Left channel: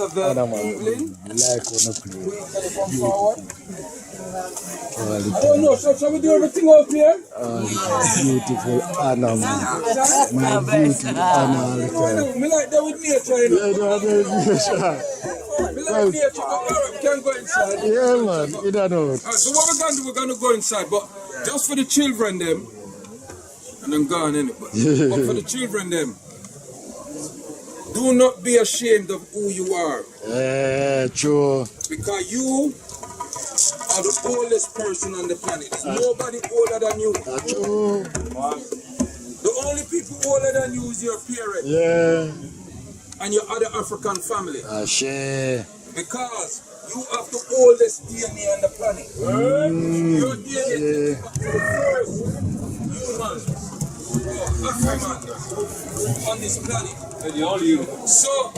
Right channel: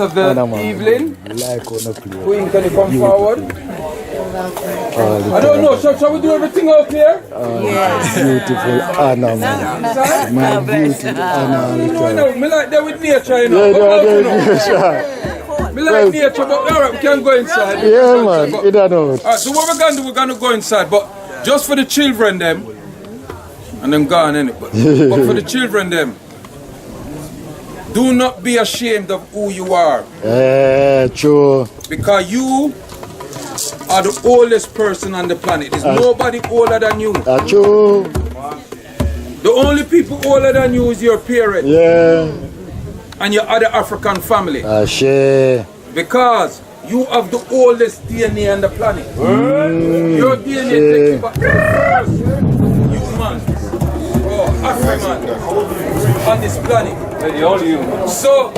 of the evening. Queen, can you come forward? I don't know, shall we do everything out here? Yes. Beautiful Anna, man. My beautiful Anna. Me like that with nature, you know. Me like nature, but alright, we can go inside. Yeah, man, you don't know. Alright, so what we're gonna do, we're gonna go inside, but just for the children, them, and them gone, innit? But for the children, them, do not be ashamed of who you are. Yeah, true. Because you are the oldest person on the planet. There's nobody older than you. True. The only people older than you is your parents. Yeah. And your other African family. Share. Because you have the oldest DNA on the planet. Your DNA takes you back. You man. Oh, African on this planet. Hey, all you. So,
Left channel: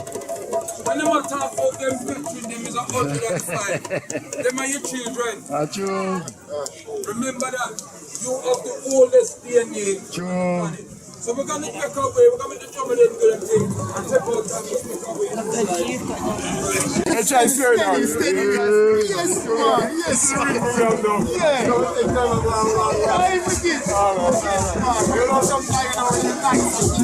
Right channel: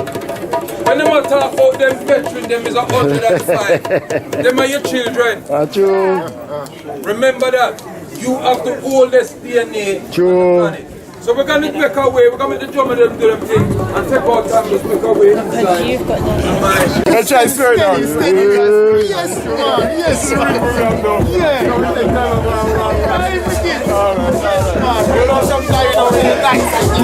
when they talk about them veterans, them is 105. Them are your children. True. Remember that. You have the oldest DNA True. on the planet. So we're going to make our way. We're going to make the drum and them do them thing. And take our time to make our way inside. You've got no. Let's try steady now. Yes, man. Yes, man. Yeah. You know, sometimes you know, you like something.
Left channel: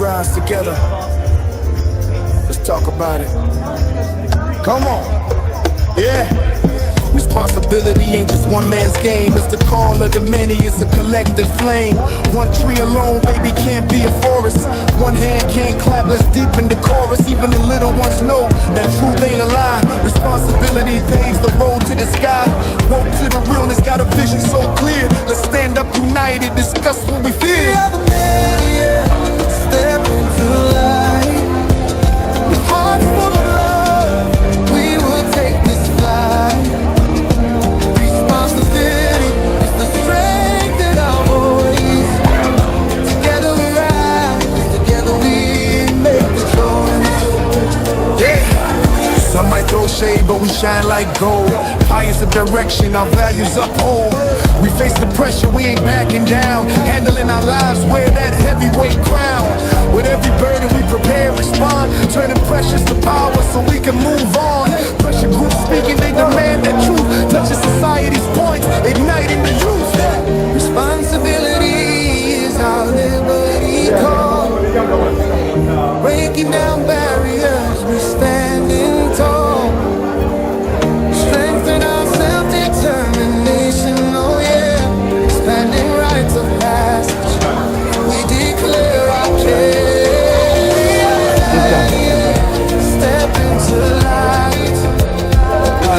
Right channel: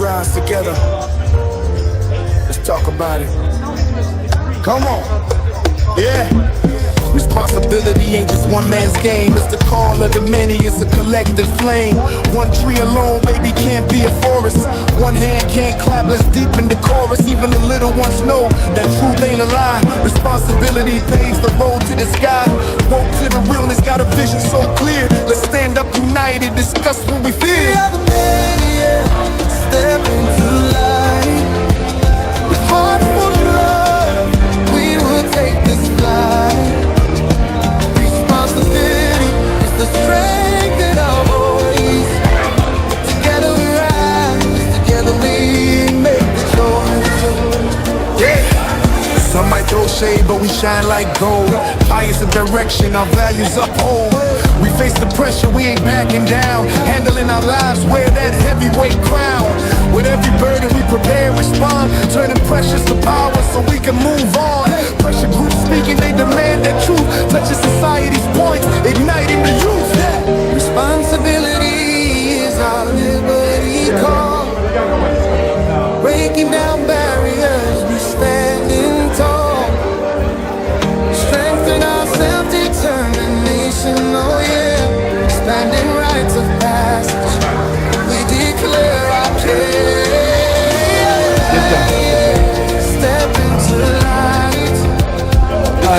Rise together. Let's talk about it. Come on. Yeah. Responsibility ain't just one man's game. It's the call of the many, it's a collective flame. One tree alone, baby, can't be a forest. One hand can't clap, let's deepen the chorus. Even the little ones know that truth ain't a lie. Responsibility paves the road to the sky. Woke to the realness, got a vision so clear. Let's stand up united, discuss what we fear. We are the many, step into light. With heart full of love, Some might throw shade, but we shine like gold. Highest of direction, our values uphold. We face the pressure, we ain't backing down. Handling our lives, wear that heavyweight crown. With every burden we prepare, respond. Turning pressures to power so we can move on. Pressure groups speaking, they demand that truth. Touching society's points, igniting the youth. Responsibility is our liberty call. Breaking down barriers, we standing tall. Strengthen our self-determination, oh yeah. Expanding rites of passage, we declare our case. Step into light.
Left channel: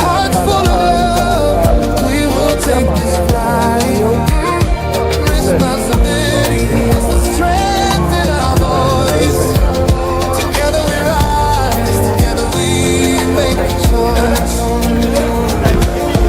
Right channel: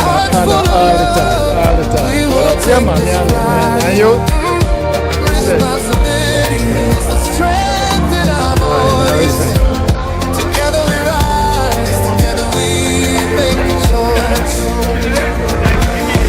Hearts full of love, we will take this flight. Responsibility is the strength in our voice. Together we rise, together we make a choice.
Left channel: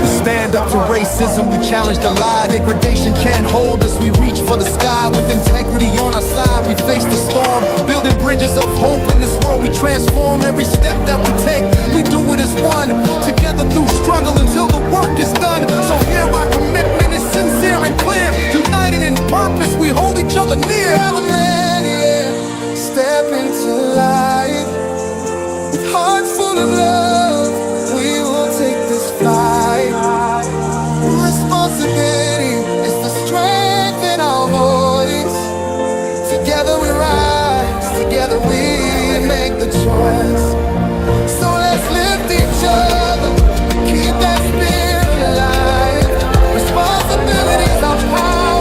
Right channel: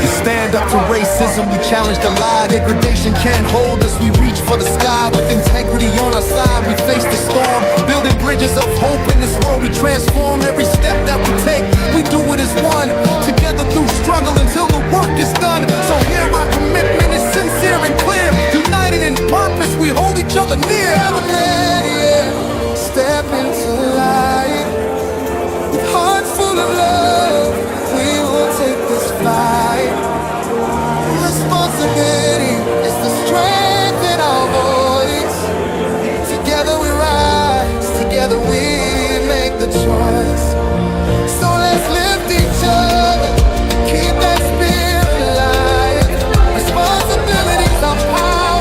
We stand up to racism, we challenge the lie. Degradation can't hold us, we reach for the sky. With integrity on our side, we face the storm. Building bridges of hope in this world, we transform. Every step that we take, we do it as one. Together through struggle until the work is done. So here our commitment is sincere and clear. United in purpose, we hold each other near. Step into light. With hearts full of love, we will take this flight. Responsibility is the strength in our voice. Together we rise, together we make the choice. So let's lift each other, keep that spirit alive. Responsibility is our power.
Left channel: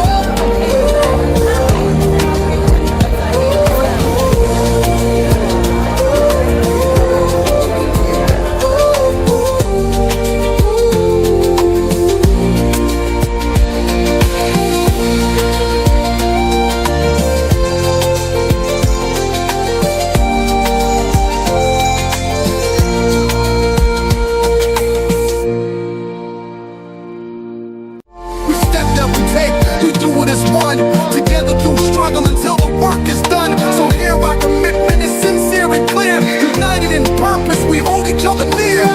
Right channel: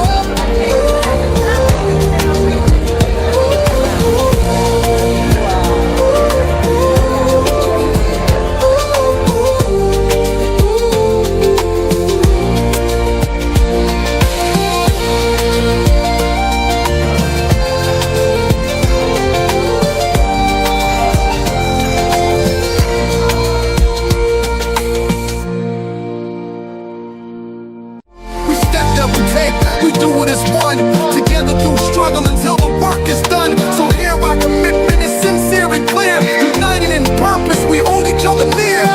We do it as one, together through struggle until the work is done. So here our commitment is sincere and clear. United in purpose, we hold each other near.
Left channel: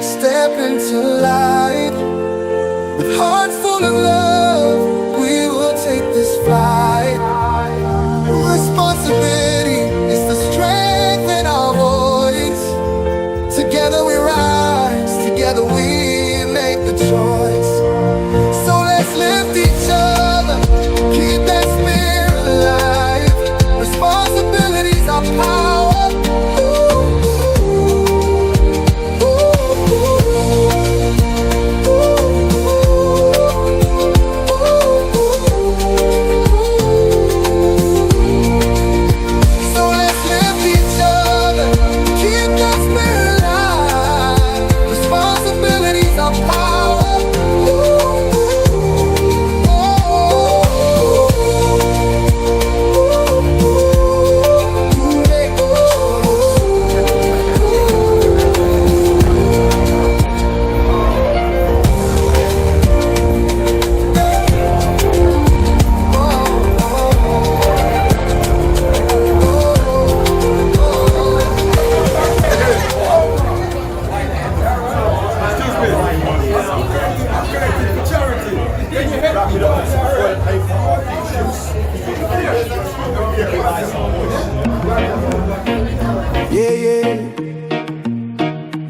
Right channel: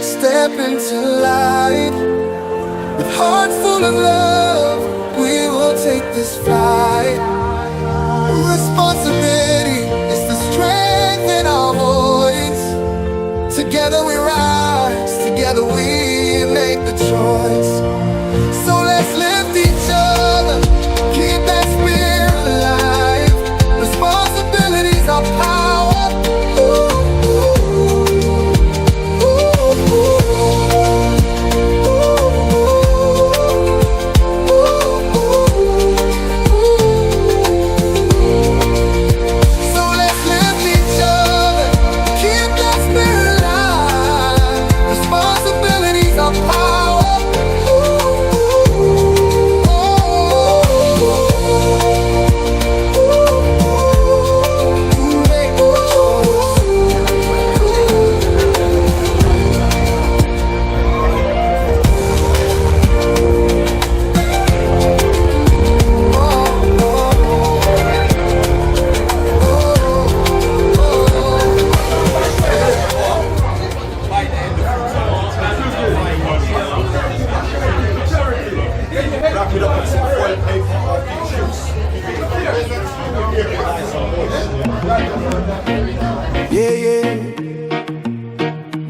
Step into light. With hearts full of love, we will take this flight. Responsibility is the strength in our voice. Together we rise, together we make the choice. Let's lift each other, keep that spirit alive. Responsibility's our power. So let's lift each other, keep that spirit alive. Responsibility's our power.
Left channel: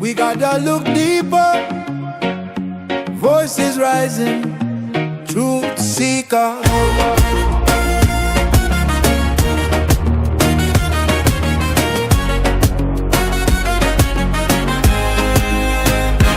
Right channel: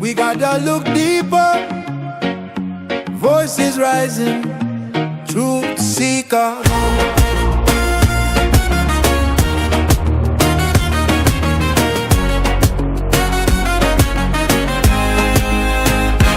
We gotta look deeper. Voices rising, truth seeker.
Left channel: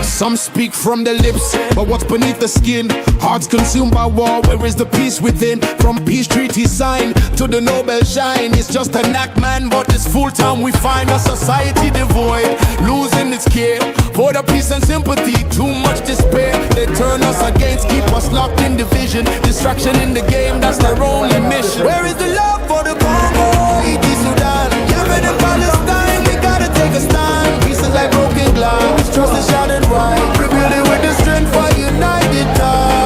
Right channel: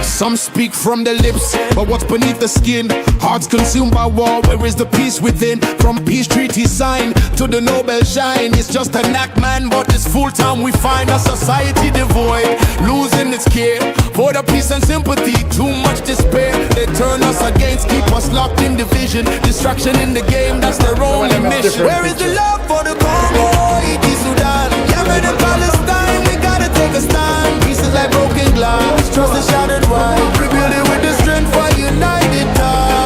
Some speak from the lips, but what's beneath the skin? Hearts consumed by war, where is the peace within? From peace treaty sign to the Nobel shine, it's just an act, man, but it's full time. We find a society devoid, losing its care for the peace and sympathy. Too much despair, they turn us against, keep us locked in division. Distraction in the game, that's their only mission. Where is the love for the Congo, Haiti, Sudan, Yemen and Palestine? We gotta take a stand. Pieces like broken glass, trust is shattered wide. Rebuild it with the strength for united time.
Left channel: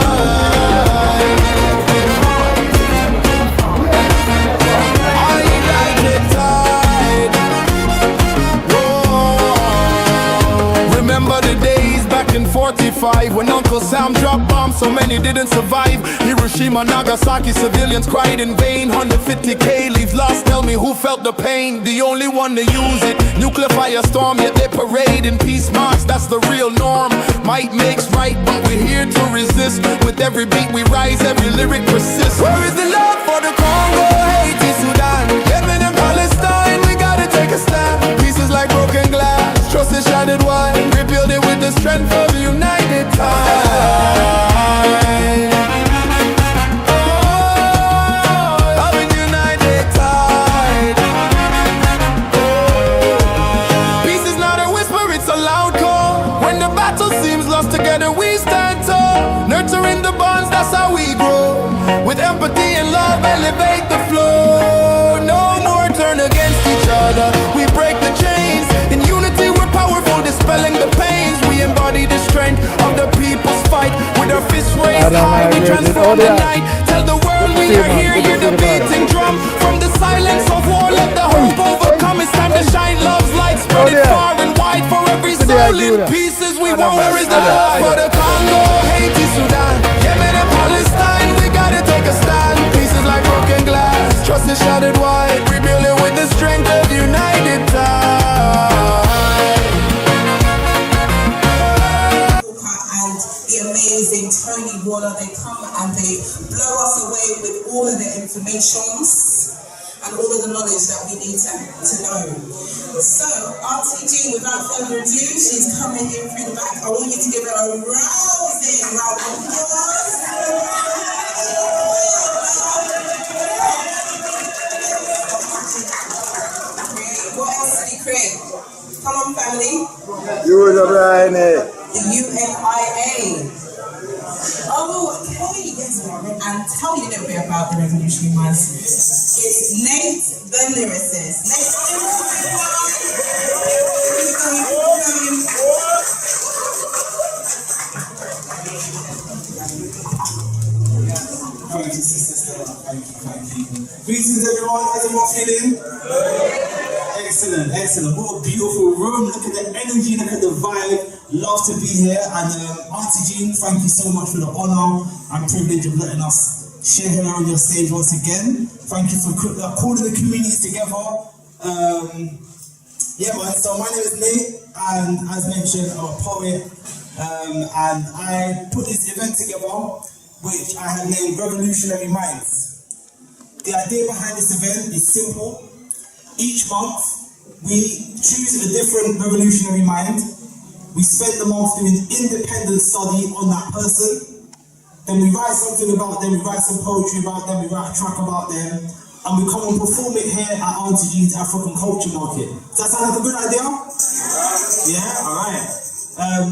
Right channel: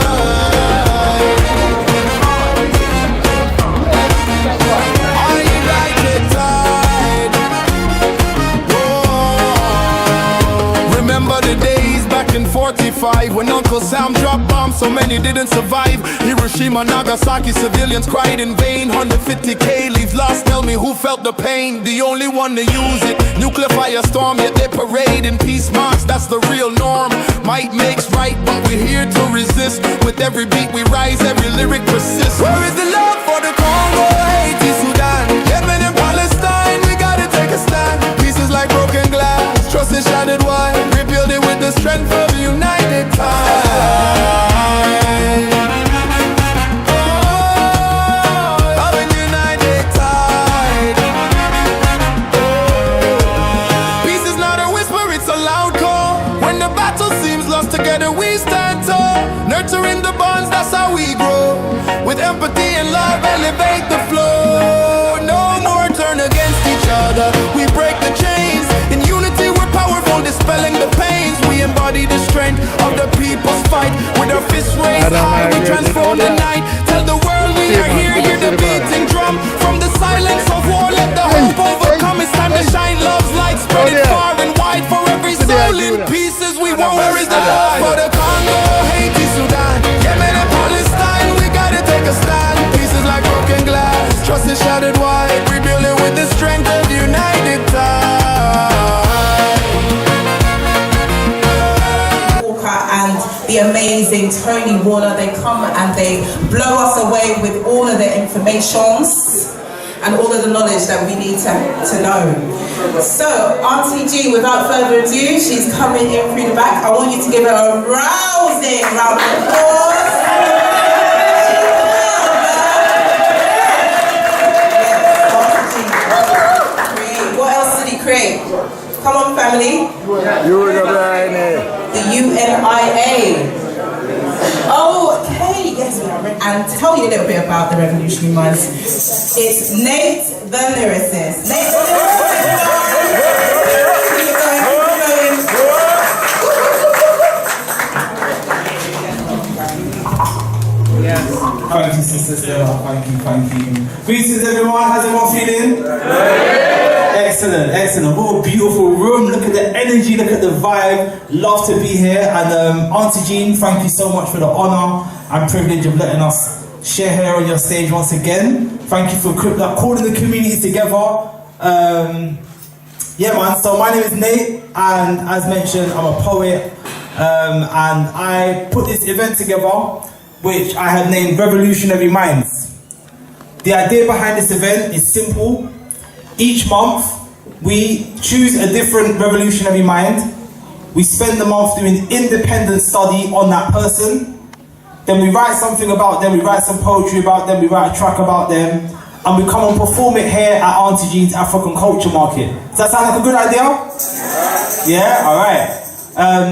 I ride the tide. Whoa. remember the days back in 45 when Uncle Sam dropped bombs, so many didn't survive. Hiroshima, Nagasaki, civilians cried in vain. 150k lives lost, tell me who felt the pain. The only one to use it, nuclear firestorm, yet they parade in peace marks, that's the real norm. Might makes right, but we're here to resist. With every beat we rise, every lyric persists. Where is the love for the Congo, Haiti, Sudan, Yemen and Palestine? We gotta take a stand. Pieces like broken glass, trust is shattered wide. Rebuild it with the strength of a united time. Together we stand tall, nurturing the bonds, that's how we grow. With empathy and love, elevate the flow. No more turn against each other, we break the chains. In unity we're powerful, dispelling the pains. We embody the strength of the people's fight. With our fists raised high, we transform the night. Tell the world we are here, hear the beating drum. From the silence of war, let the hope overcome. It's time to shine love's light, spread it far and wide. For every soul in pieces, we want where is the love for the Congo, Haiti, Sudan, Yemen and Palestine. We gotta take a stand. Pieces like broken glass, trust is shattered wide. Rebuild it with the strength of united time. Walker and the amazing Tony Warner, they come and they blow us away with all of the informations and all of the knowledge that we need to know. So, Auntie G, without further ado, she's coming in through the back. I want you to give her a rousing round of applause. What else did he create? Come on, family. The UNIA. Oh, okay, yes, and tell you a little bit about the Revolutionary Minds. It's Nate the Lyricist. Nate the Lyricist. Keep going. Thank you, sister Stella. Thank you. Greetings, everyone. How's everyone feeling? Excellent. What a beautiful room. Look at the energy, look at the vibe. Love to be here. And Auntie Jean, thank you so much for the honour and privilege of letting us share here on your stage once again. Thank you for calling the community together. Yeah, man. So my name is Nate, and as mentioned, I'm a poet. And I put this event together, which I have named Revolutionary Minds. The idea behind this event is simple. Each month, we choose a different revolutionary mind. We spend the month doing independent study on that person. Then we write something about them, we write some poetry about them, we write a track about them, and we come and perform it here at Auntie Jean's African Culture Market. Does that sound like a good idea? Yeah? Alright.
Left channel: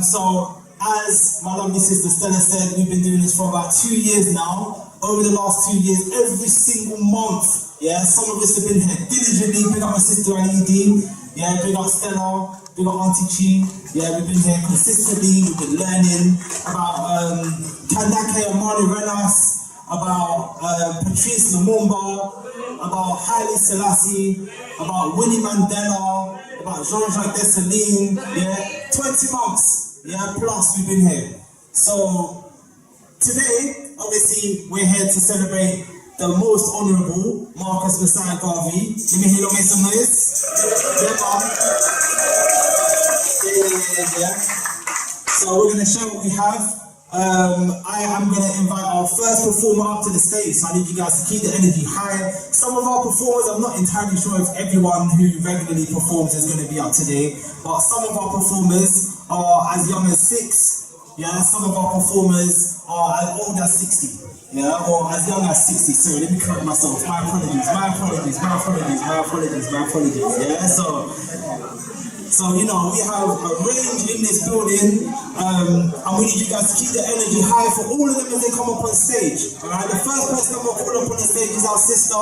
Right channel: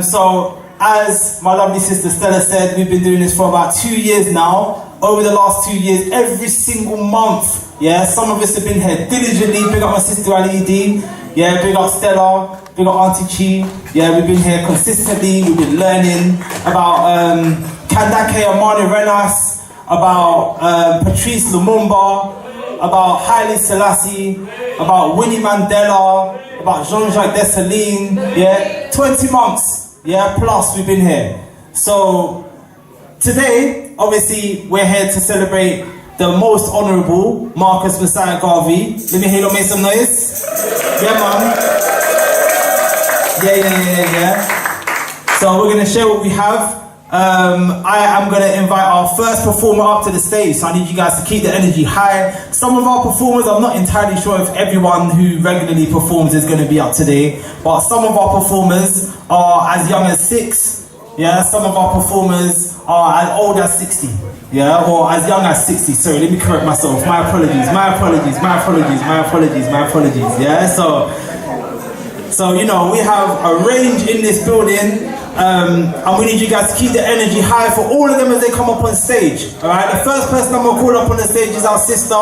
So, as my lovely sister Stella said, we've been doing this for about 2 years now. Over the last 2 years, every single month, yeah, some of us have been here diligently. Big up my sister Ali, yeah, big up Stella, big up Auntie Chi. Yeah, we've been here consistently. We've been learning about Kandake Amani Renas, about Patrice Lumumba, about Haile Selassie, about Winnie Mandela, about Jean-Jacques Dessalines. Yeah, 20 months, yeah, plus we've been here. So today, obviously, we're here to celebrate the most honourable Marcus Messiah Garvey. Let me hear you make some noise. Yeah, man. Yeah. So we're going to share what we have. I am going to invite our first performer up to the stage, so I need you guys to keep the energy high. Some of our performers, I'm not entirely sure if everyone who regularly performs is going to be up today, but some of our performers are as young as 6. Yeah, some of our performers are as old as 60, yeah, or as young as 60. Sorry, let me correct myself. My apologies, yeah. So you know, we have a range in this building, and we need you guys to keep the energy high for all of them as they come up on stage. All right, the first person I'm gonna call up on the stage is our sister.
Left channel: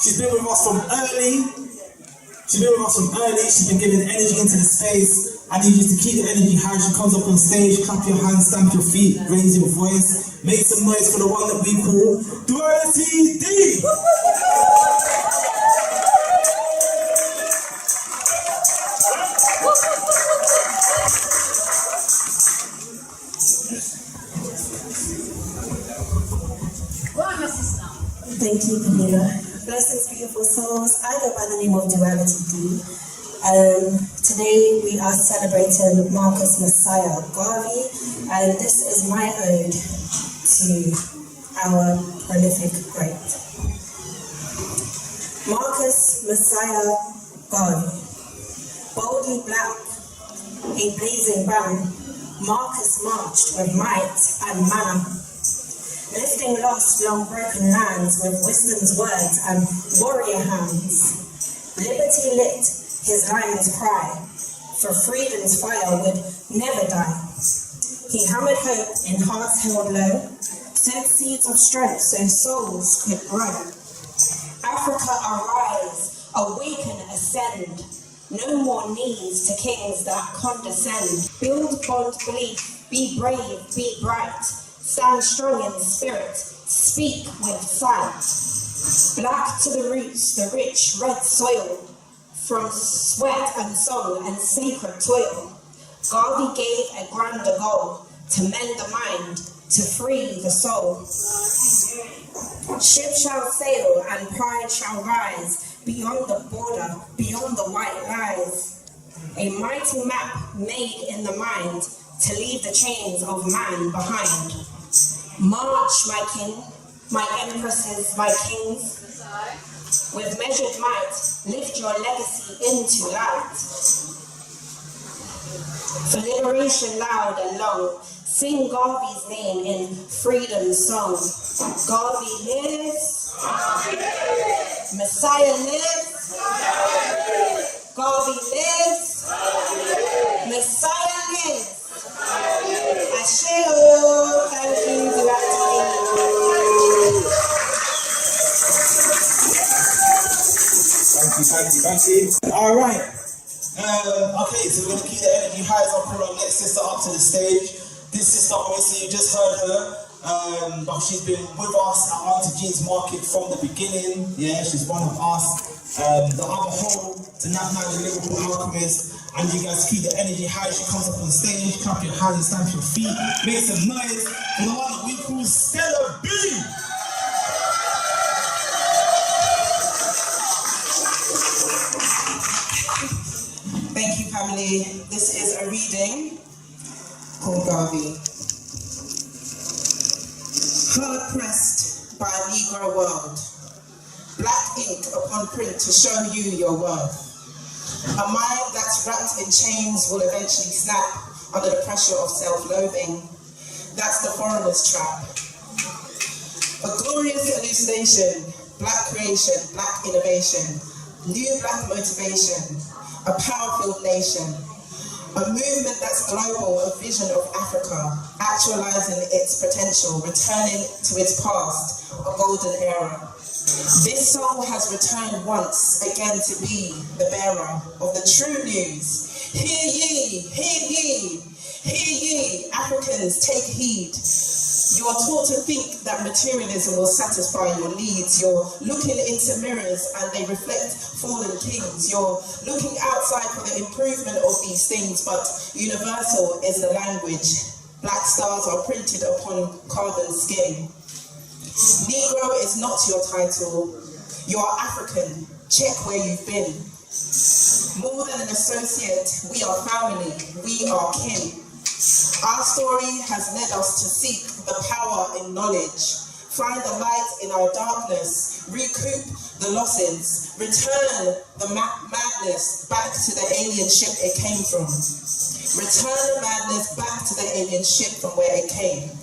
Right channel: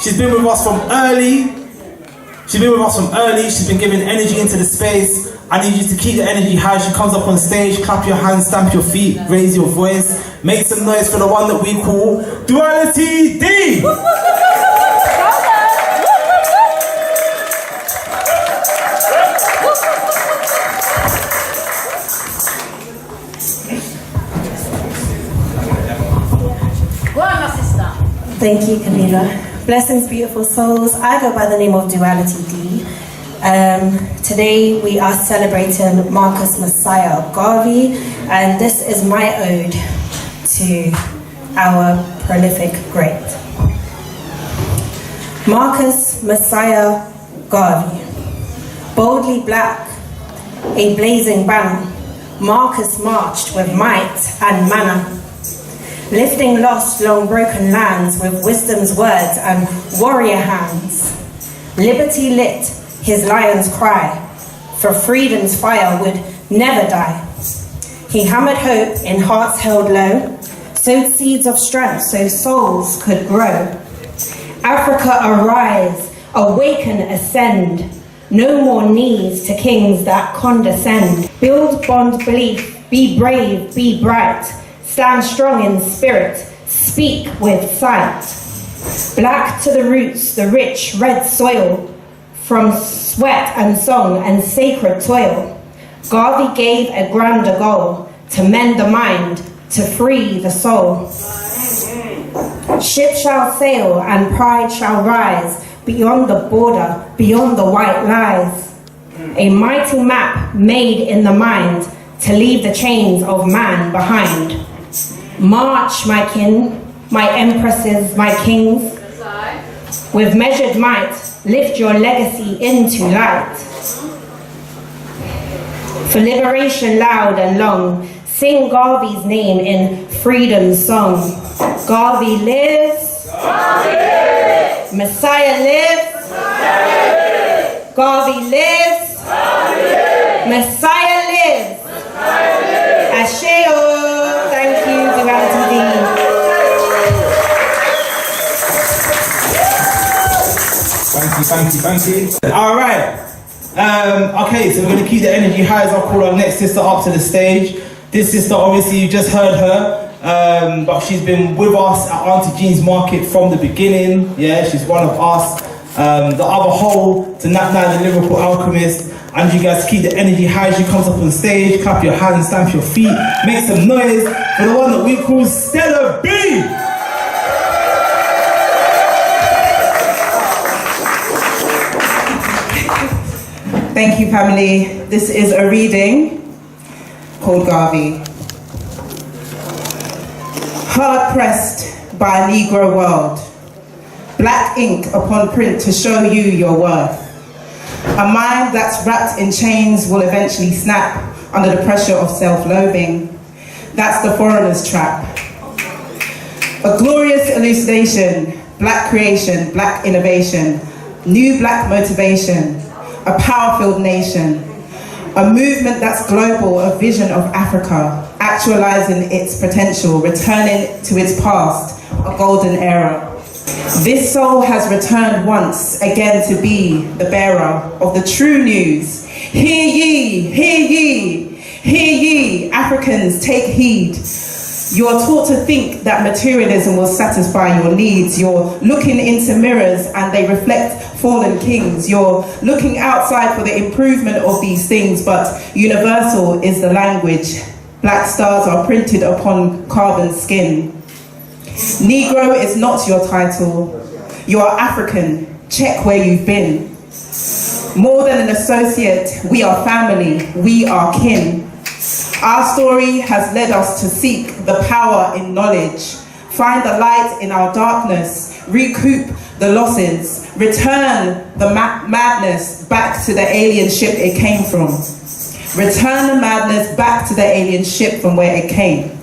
She's been with us from early. She's been giving energy into the space. I need you to keep the energy high. She comes up on stage, clap your hands, stamp your feet, raise your voice, make some noise for the one that we call Duality D. Thank you, Kalina. Blessings, beautiful souls. I go by the name of Duality D. Today we are celebrating Marcus Messiah Garvey, and this is my ode to our prolific great. Marcus Messiah Garvey, boldly black, a blazing banner, Marcus marched with might and manner, lifting lost, long broken lands with wisdom's words and warrior hands. Liberty lit his lion's cry, for freedom's fire would never die. He hammered hope in hearts held low, sowed seeds of strength so souls could grow. Africa arise, awaken, ascend, no more knees to kings that condescend. Build bond belief, be brave, be bright, stand strong in spirit, speak with sight. Black to the roots, the rich red soil, from sweat and song and sacred toil. Garvey gave a grander goal, to mend the mind, to free the soul. Ship shall sail and pride shall rise, beyond the border, beyond the white lies. A mighty map made in the mind, to leave the chains of man behind. March, my kin, my empresses, my kings. With measured might, lift your legacy into light. For liberation loud and long, sing Garvey's name in freedom's song. Garvey lives. Garvey lives. Messiah lives. Messiah lives. Garvey lives. Garvey lives. Messiah lives. Messiah lives. Asheo. Thank you, Duality D. Thank you. All right. Okay, so we're going to keep the energy high as I'll call our next sister up to the stage. This sister, obviously, you just heard her, but she's been with us at Auntie Jean's Market from the beginning. Yeah, she's one of us. The other whole, to Nat Nine, the lyrical alchemist. And you guys keep the energy high as she comes up on stage. Clap your hands, stamp your feet, make some noise for the one that we call Stella B. Thank you, family. This is a reading called Garvey. Hard pressed by a Negro world, black ink upon print to show you your worth. A mind that's wrapped in chains will eventually snap under the pressure of self-loathing. That's the foreigner's trap. A glorious elucidation, black creation, black innovation, new black motivation, a power-filled nation, a movement that's global, a vision of Africa, actualizing its potential, returning to its past, a golden era. This soul has returned once again to be the bearer of the true news. Hear ye, hear ye, hear ye, Africans, take heed. You are taught to think that materialism will satisfy your needs. You're looking into mirrors and they reflect fallen kings. You're looking outside for the improvement of these things, but universal is the language. Black stars are printed upon carbon skin. Negro is not your title. You are African. Check where you've been. More than an associate, we are family. We are kin. Our story has led us to seek the power in knowledge, find the light in our darkness, recoup the losses, return the madness back to the alien ship it came from. Return the madness back to the alien ship from where it came.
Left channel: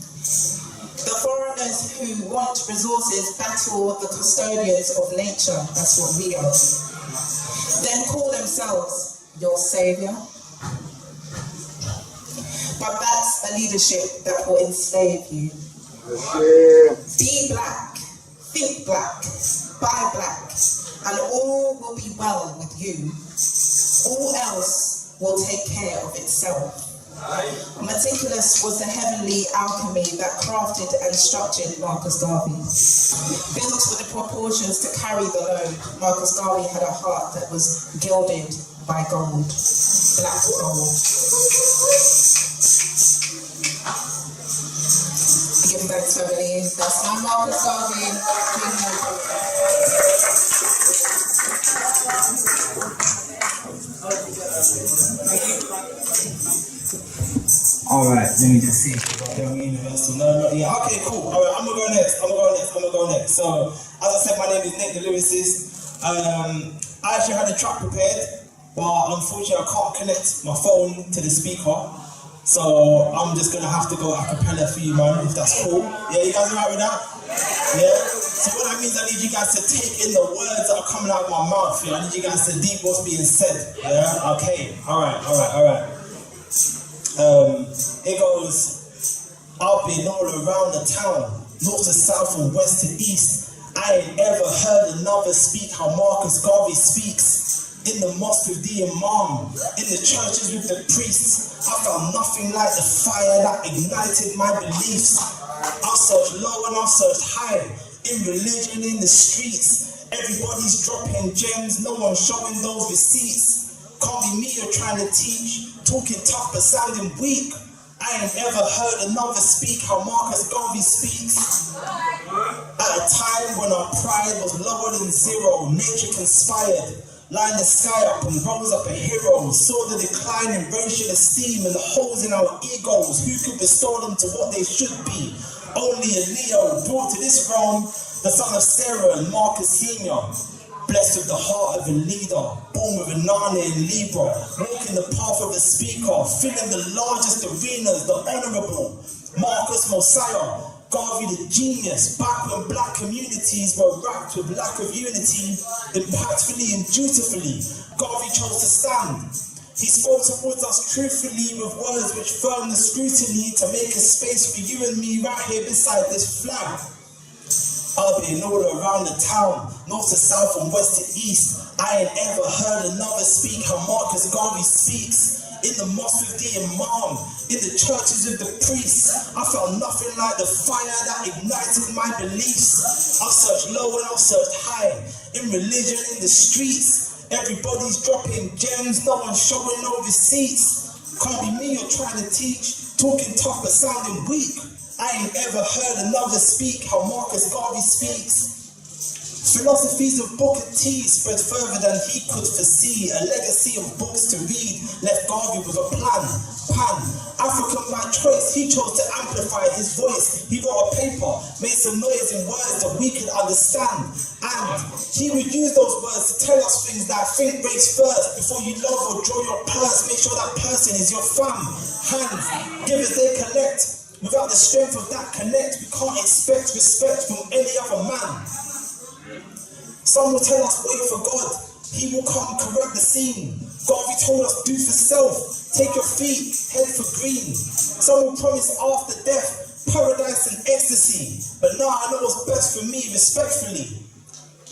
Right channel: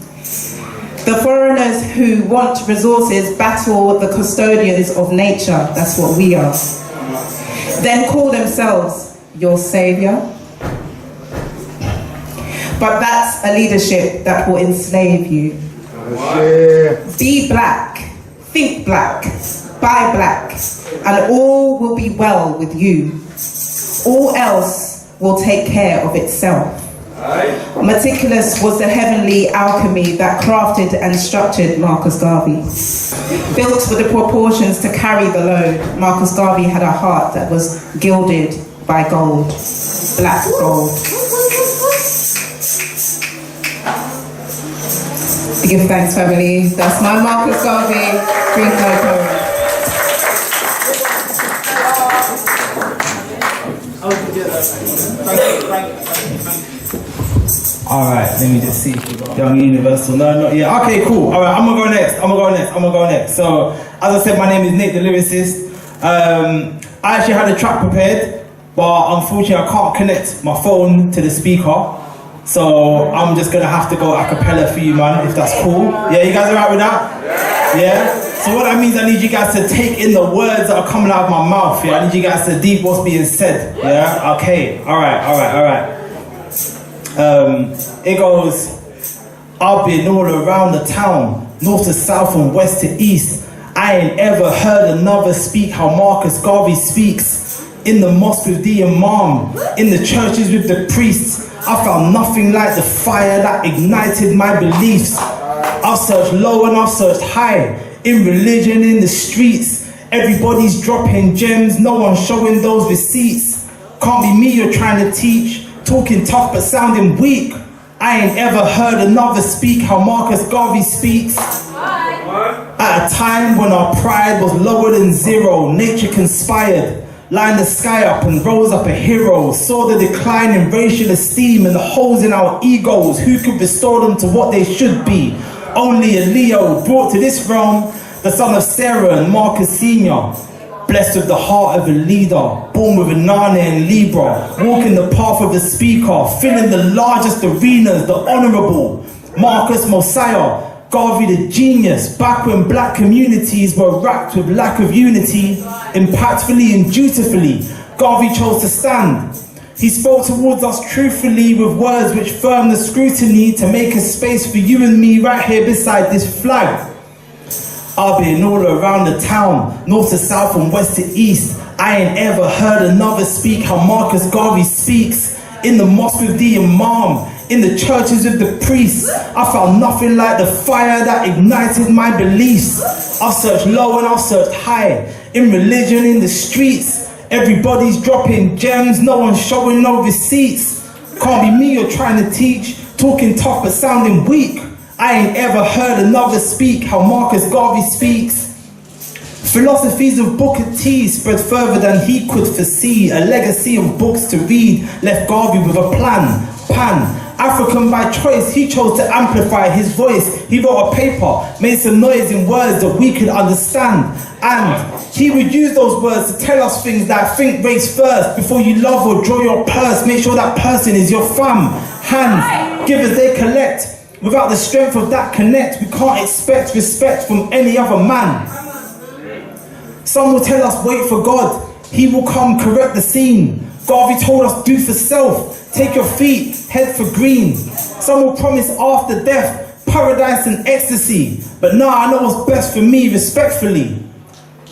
The foreigners who want resources battle the custodians of nature. That's what we are. Then call themselves your savior. But that's a leadership that will enslave you. Be black, think black, buy black, and all will be well with you. All else will take care of itself. Meticulous was the heavenly alchemy that crafted and structured Marcus Garvey. Built with the proportions to carry the load, Marcus Garvey had a heart that was gilded by gold, black gold. Give thanks, family. That's my Marcus Garvey. Drink local. Alright, let me just see. Young Universal. No, not yet. Okay, cool. Alright, I'm gonna go next. So, as I said, my name is Nick, the lyricist. I actually had a track prepared, but unfortunately I can't connect my phone to the speaker. So I'm just gonna have to go a cappella for you, man, if that's cool. Yeah, you guys alright with that? Yeah? So what that means, I need you guys to take in the words that are coming out of my mouth, yeah? I need you guys to deep what's being said, yeah? Okay, alright. It goes, I've been all around the town, north to south and west to east. I ain't ever heard another speak how Marcus Garvey speaks. In the mosque with the imam, in the churches with the priests, I found nothing like the fire that ignited my beliefs. I've searched low and I've searched high, in religion, in the streets. Everybody's dropping gems, no one's showing those receipts. Can't be me you're trying to teach, talking tough but sounding weak. I ain't ever heard another speak how Marcus Garvey speaks. At a time when our pride was lower than zero, nature conspired, lined the sky up and rose up a hero, saw the decline in racial esteem and the holes in our egos. Who could restore them to what they should be? Only a Leo, brought to this realm, the son of Sarah and Marcus Sr., blessed with the heart of a leader, born with a Nana and Libra, walking the path of the speaker, filling the largest arenas, the honourable Marcus Mosiah, Garvey the genius, back when black communities were racked with lack of unity, impactfully and dutifully, Garvey chose to stand. He spoke towards us truthfully with words which firmed the scrutiny to make a space for you and me right here beside this flag. I've been all around the town, north to south and west to east. I ain't ever heard another speak how Marcus Garvey speaks. In the mosque with the imam, in the churches with the priests, I found nothing like the fire that ignited my beliefs. I've searched low and I've searched high, in religion, in the streets. Everybody's dropping gems, no one's showing no receipts. Can't be me you're trying to teach, talking tough but sounding weak. I ain't ever heard another speak how Marcus Garvey speaks. Philosophies of Booker T spread further than he could foresee. A legacy of books to read left Garvey with a plan. African by choice, he chose to amplify his voice. He wrote a paper, made some noise in words that we could understand. And he would use those words to tell us things like think race first. Before you love or draw your purse, make sure that person is your fam. Hands, give as they collect. Without the strength of that connect, we can't expect respect from any other man. Some will tell us wait for God, he will come correct the scene. Garvey told us do for self, take your feet, head for green. Some will promise after death, paradise and ecstasy. But nah, I know what's best for me, respectfully.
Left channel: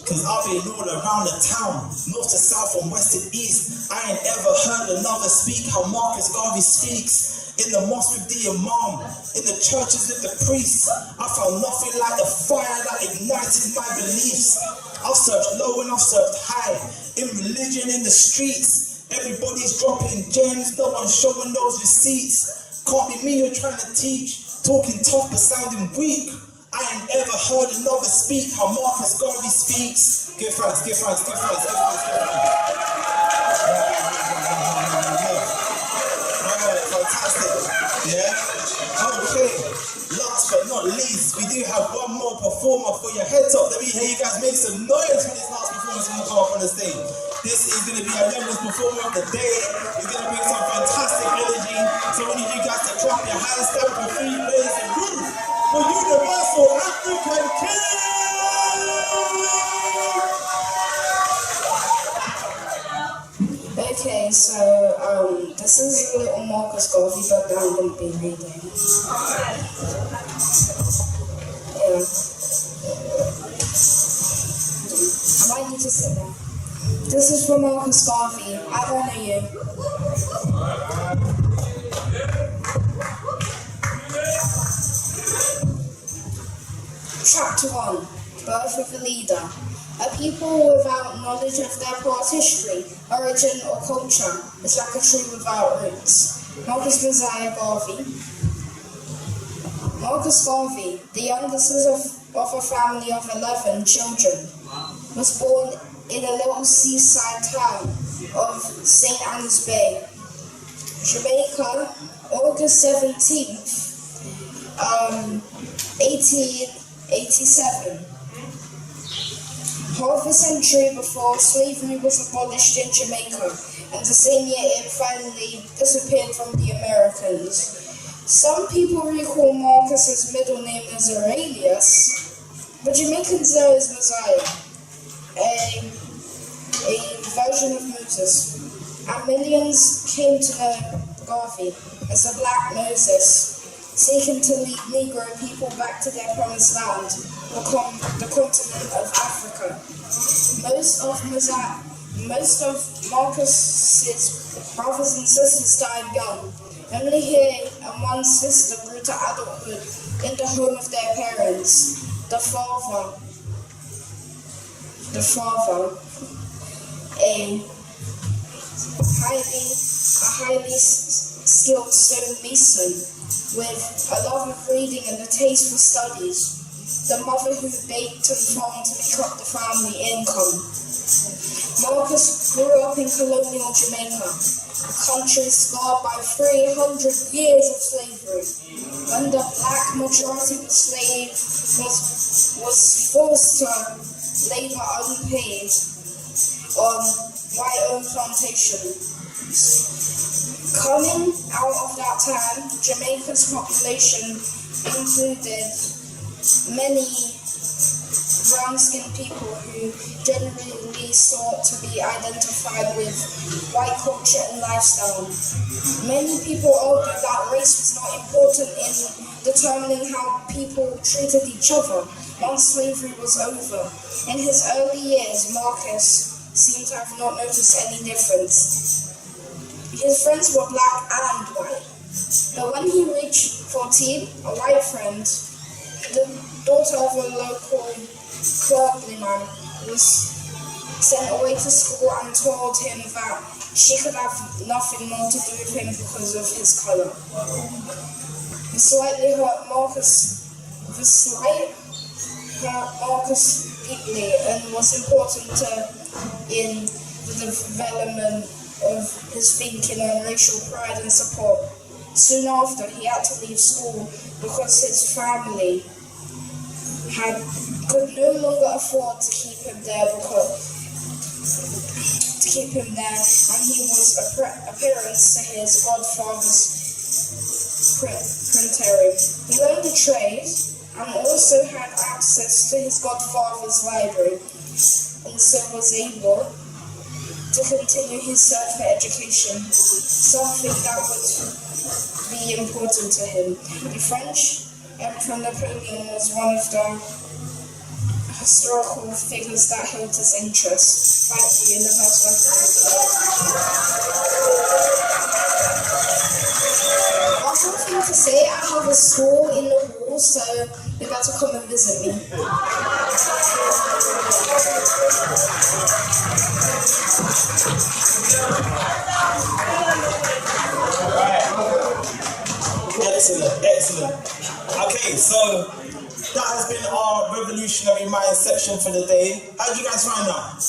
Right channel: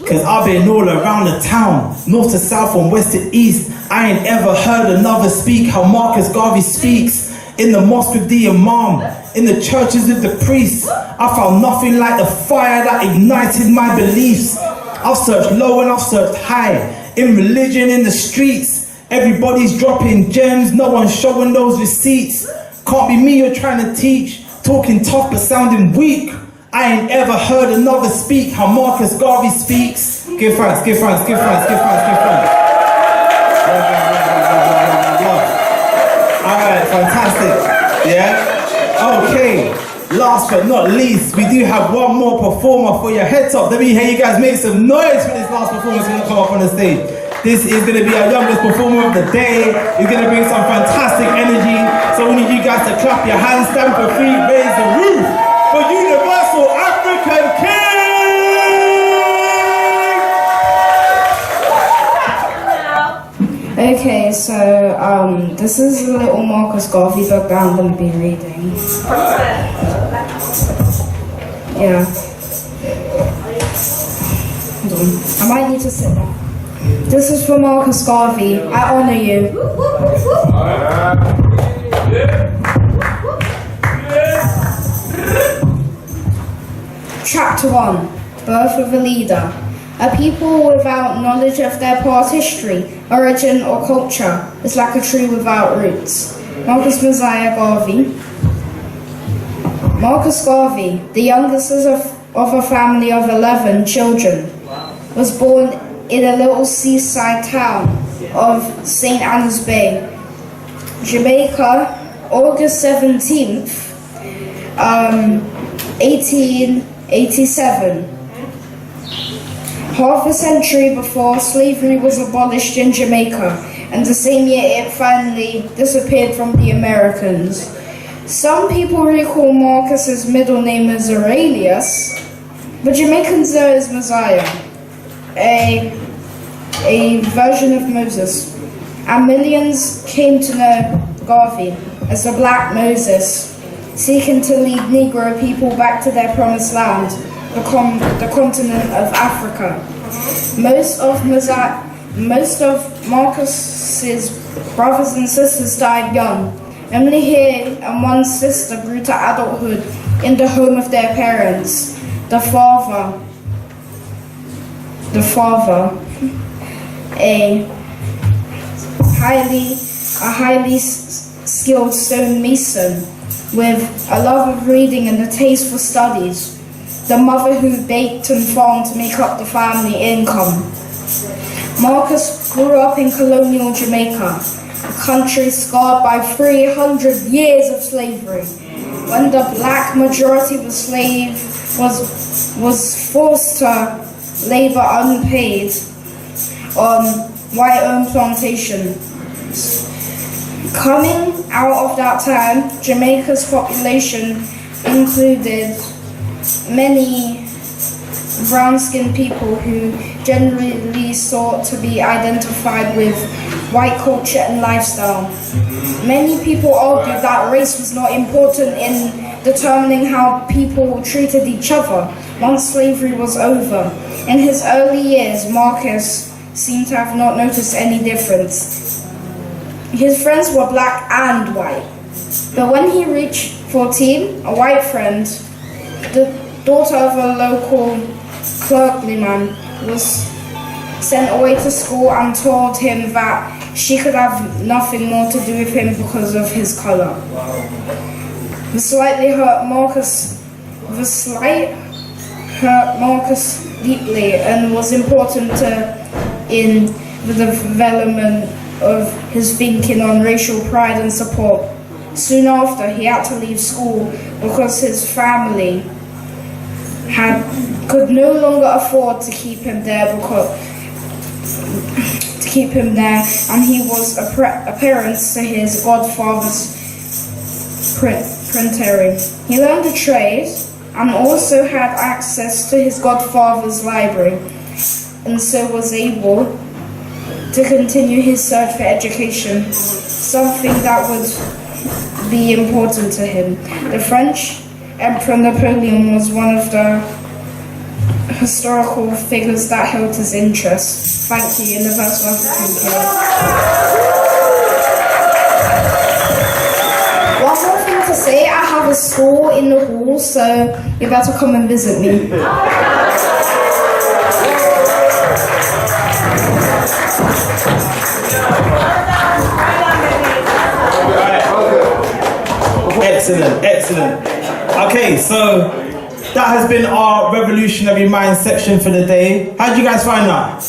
Cause I've been all around the town, north to south and west to east. I ain't ever heard another speak how Marcus Garvey speaks. In the mosque with the imam, in the churches with the priests, I found nothing like the fire that ignited my beliefs. I've searched low and I've searched high, in religion, in the streets. Everybody's dropping gems, no one's showing those receipts. Can't be me you're trying to teach, talking tough but sounding weak. I ain't ever heard another speak how Marcus Garvey speaks. Give thanks, give thanks, give thanks, give thanks, give thanks. Alright, fantastic. Yeah? Okay. Last but not least, we do have one more performer for your head top. Let me hear you guys make some noise for this last performance when you come up on the stage. This is going to be our youngest performer of the day. He's going to bring some fantastic energy. So we need you guys to clap your hands, stamp your feet, raise the roof for Universal African King! Okay, so this is a little Marcus Garvey book that I'm going to be reading. Yeah. Hold on. I might need to sit there. This is for Marcus Garvey. I honour you. Chapter 1. Birth of a Leader. A people without knowledge of their past history, origin or culture is like a tree without roots. Marcus Mosiah Garvey. Marcus Garvey, the youngest of a family of 11 children, was born in a little seaside town of St. Anne's Bay, Jamaica, August 17th, 1887. Half a century before, slavery was abolished in Jamaica, and the same year it finally disappeared from the Americans. Some people recall Marcus's middle name as Aurelius, but Jamaicans know as Messiah, a version of Moses. And millions came to know Garvey as the Black Moses, seeking to lead Negro people back to their promised land, the continent of Africa. Most of Marcus's brothers and sisters died young. Only he and one sister grew to adulthood in the home of their parents. The father, a highly skilled stonemason with a love of reading and a taste for studies. The mother who baked and farmed to make up the family income. Marcus grew up in colonial Jamaica, a country scarred by 300 years of slavery, when the black majority was forced to labor unpaid on white-owned plantations. Coming out of that time, Jamaica's population included many brown-skinned people who generally sought to be identified with white culture and lifestyle. Many people argued that race was not important in determining how people treated each other once slavery was over. In his early years, Marcus seemed to have not noticed any difference. His friends were black and white. But when he reached 14, a white friend, the daughter of a local clergyman, was sent away to school and told him that she could have nothing more to do with him because of his color. The slight hurt Marcus deeply and was important in the development of his thinking on racial pride and support. Soon after, he had to leave school because his family could no longer afford to keep him there, and he was appearance to his godfather's printery. He learned a trade and also had access to his godfather's library, and so was able to continue his search for education, something that would be important to him. The French Emperor Napoleon was one of the historical figures that held his interest. Thank you, Universal African Club. One more thing to say, I have a school in the hall, so you better come and visit me. Excellent. Okay, so that has been our Revolutionary Mind section for the day. How did you guys find that?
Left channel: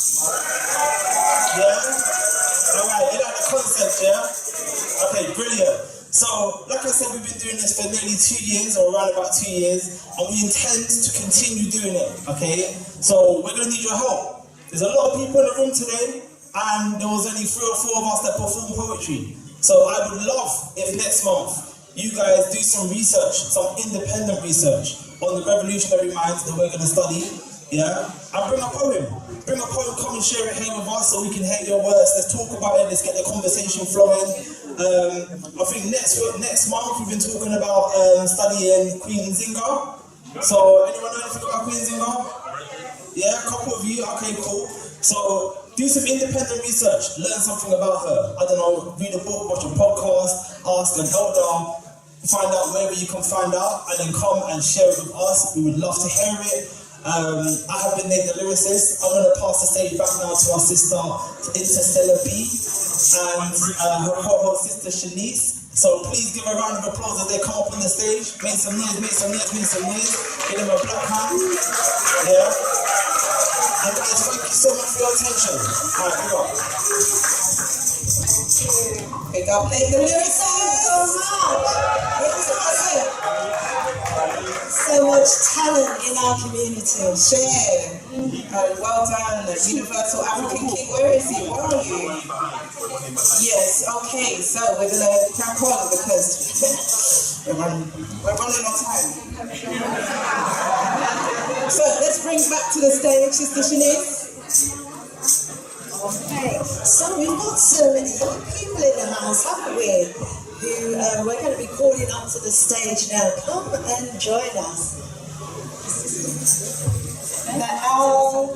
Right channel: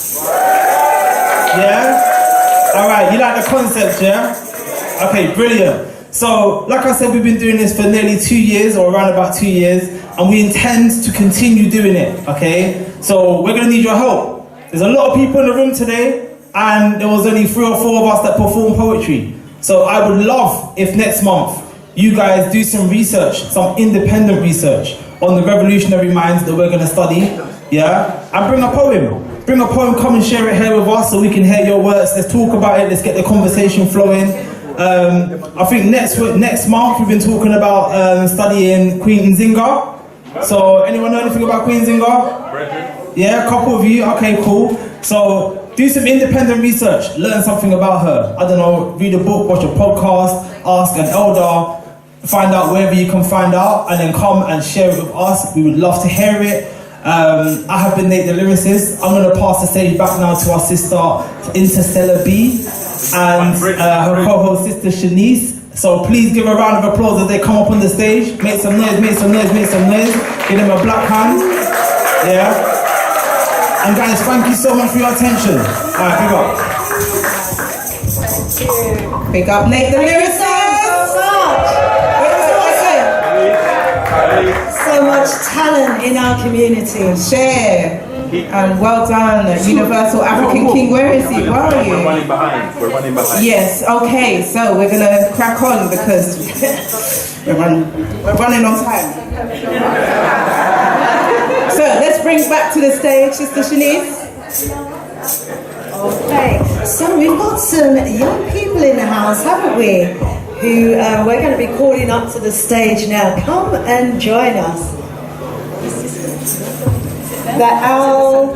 Yeah? Alright, you like the concept, yeah? Okay, brilliant. So, like I said, we've been doing this for nearly 2 years, or around about 2 years, and we intend to continue doing it, okay? So, we're going to need your help. There's a lot of people in the room today, and there was only 3 or 4 of us that performed poetry. So, I would love if next month you guys do some research, some independent research on the revolutionary minds that we're going to study, yeah? And bring a poem. Bring a poem, come and share it here with us so we can hear your words. Let's talk about it, let's get the conversation flowing. I think next month we've been talking about studying Queen Nzinga. So, anyone know anything about Queen Nzinga? Yeah, a couple of you, okay, cool. So, do some independent research, learn something about her. I don't know, read a book, watch a podcast, ask an elder, find out wherever you can find out, and then come and share it with us. We would love to hear it. I have been Nate the lyricist. I'm going to pass the stage back now to our sister Interstellar B and her co-host sister Shanice. So please give a round of applause as they come up on the stage. Make some noise, make some noise, make some noise. Give them a black hand. Yeah. And guys, thank you so much for your attention. Alright, big up. Big up Nate the lyricist. So much talent in our community. Share. Well done, Universal African King. Where is he? Where are you? We're running behind. We're running behind. Yes, okay, so we're gonna crack on because we're running on time. So let's bring back to the stage Sister Shanice. Okay, so we've got some young people in the house, haven't we? Who we're going to be calling up to the stage now. Come and join us. The Al